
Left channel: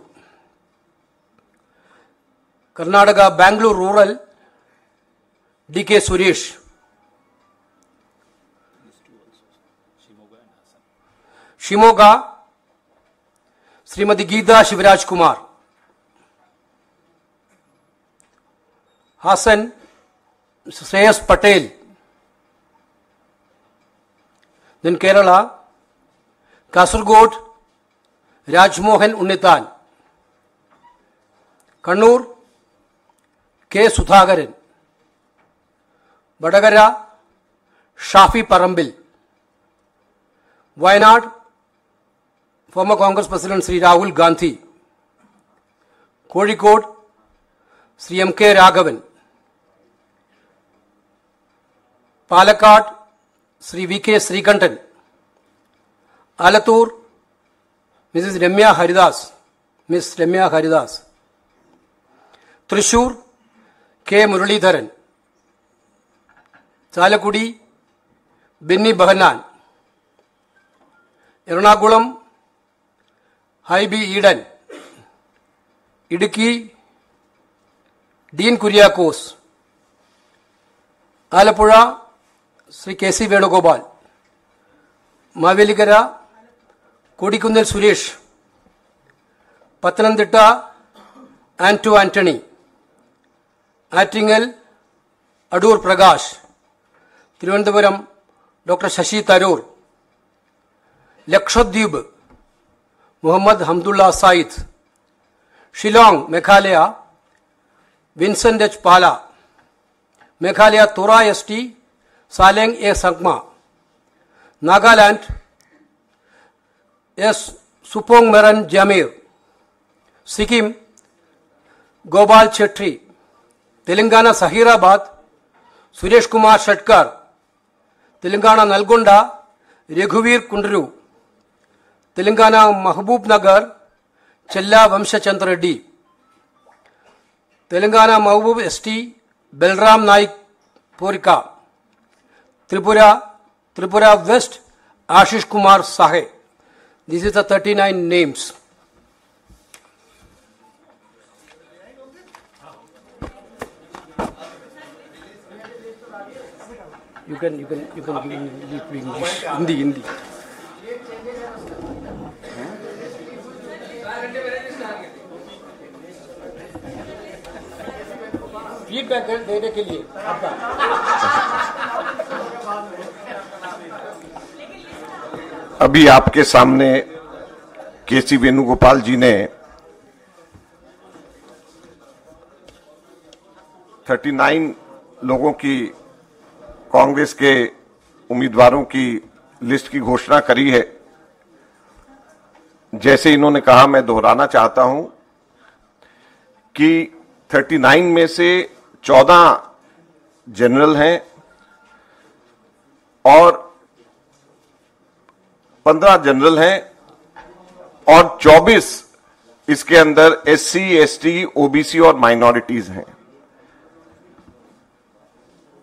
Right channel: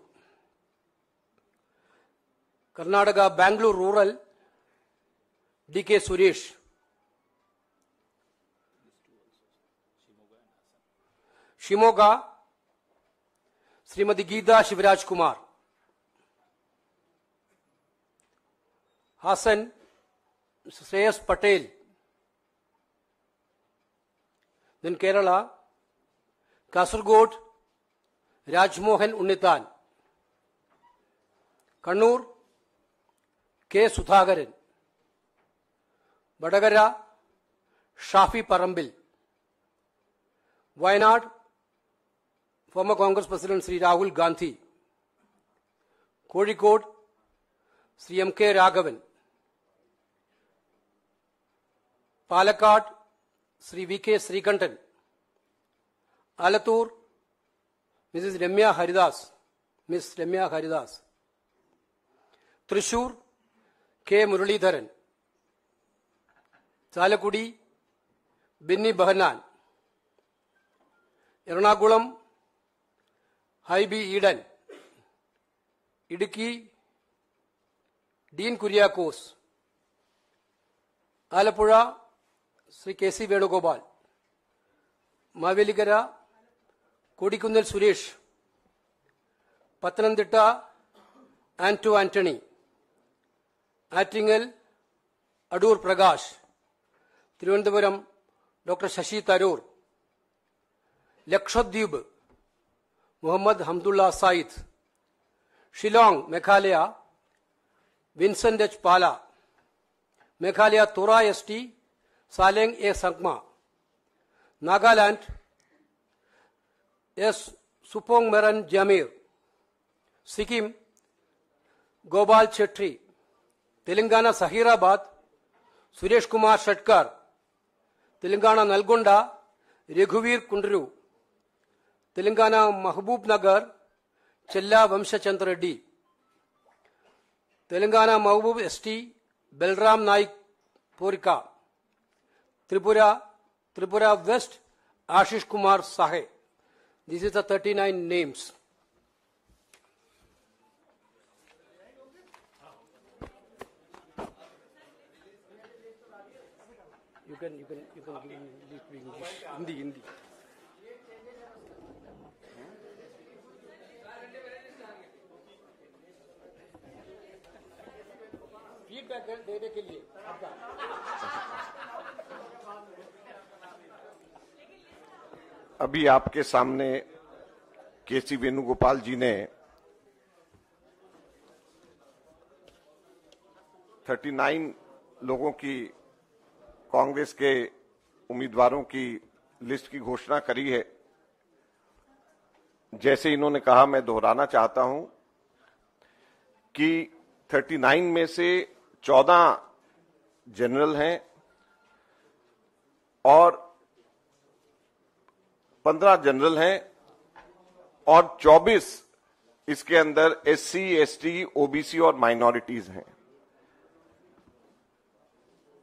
Karnataka Bangalore rural DK Suresh. Shimoga Shrimati Geetha Shivraj Kumar. Hassan Shreyas Patel. Then Kerala Kasaragod Rajmohan Unnithan. Kannur K Sudhakaran. Vadakara Shafi Parambil. Wayanad former Congress President Sri Rahul Gandhi. Kozhikode Sri MK Raghavan. Palakkad Sri VK Srikantan. Alathur Mrs. Ramya Haridas. Miss Ramya Haridas. Thrissur K. Muralidharan. Chalakudi Binni Bahanan. Ernakulam Haibi Eden. Idukki Dean Kuriakose. Alapura Sri K.C. Venugopal. Mavelikara Kodikundal Suresh. Pathanamthitta Anto Anthony. Attingal Adur Prakash. Thiruvananthapuram Dr. Shashi Tharoor. Lakshadweep Muhammad Hamdullah Said. Shillong Meghalaya Vincent H. Pala. Meghalaya Tora ST Saleng A. Sangma. Nagaland S. Supong Meran Jamir. Sikkim Gopal Chetri. Telangana Sahirabad Suresh Kumar Shatkar. Telangana Nalgonda Raghuveer Kundru. Telangana Mahbub Nagar Chella Vamshachandra Reddy. Telangana Mahbub ST Belram Naik Porika. Tripura West Ashish Kumar Sahe. This is the 39 names. You can give English. Hindi. Feedback देने के लिए आपका अभी आपके सामने केसी वेणुगोपाल जी ने 39 लोगों की कांग्रेस के उम्मीदवारों की लिस्ट की घोषणा करी है। जैसे इन्होंने कहा, मैं दोहराना चाहता हूं कि 39 में से 14 जनरल हैं और 15 जनरल हैं और 24 इसके अंदर SC, ST, OBC और माइनॉरिटीज हैं।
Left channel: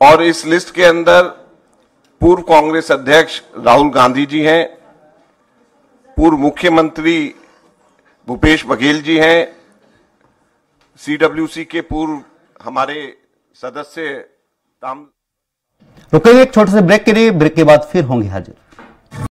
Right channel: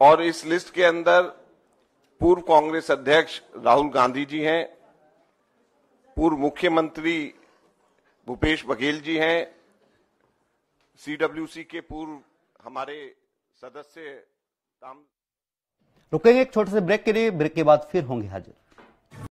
और इस लिस्ट के अंदर पूर्व कांग्रेस अध्यक्ष राहुल गांधी जी हैं, पूर्व मुख्यमंत्री भूपेश बघेल जी हैं, सीडब्ल्यूसी के पूर्व हमारे सदस्य रुकेंगे एक छोटे से ब्रेक के लिए, ब्रेक के बाद फिर होंगे हाजिर।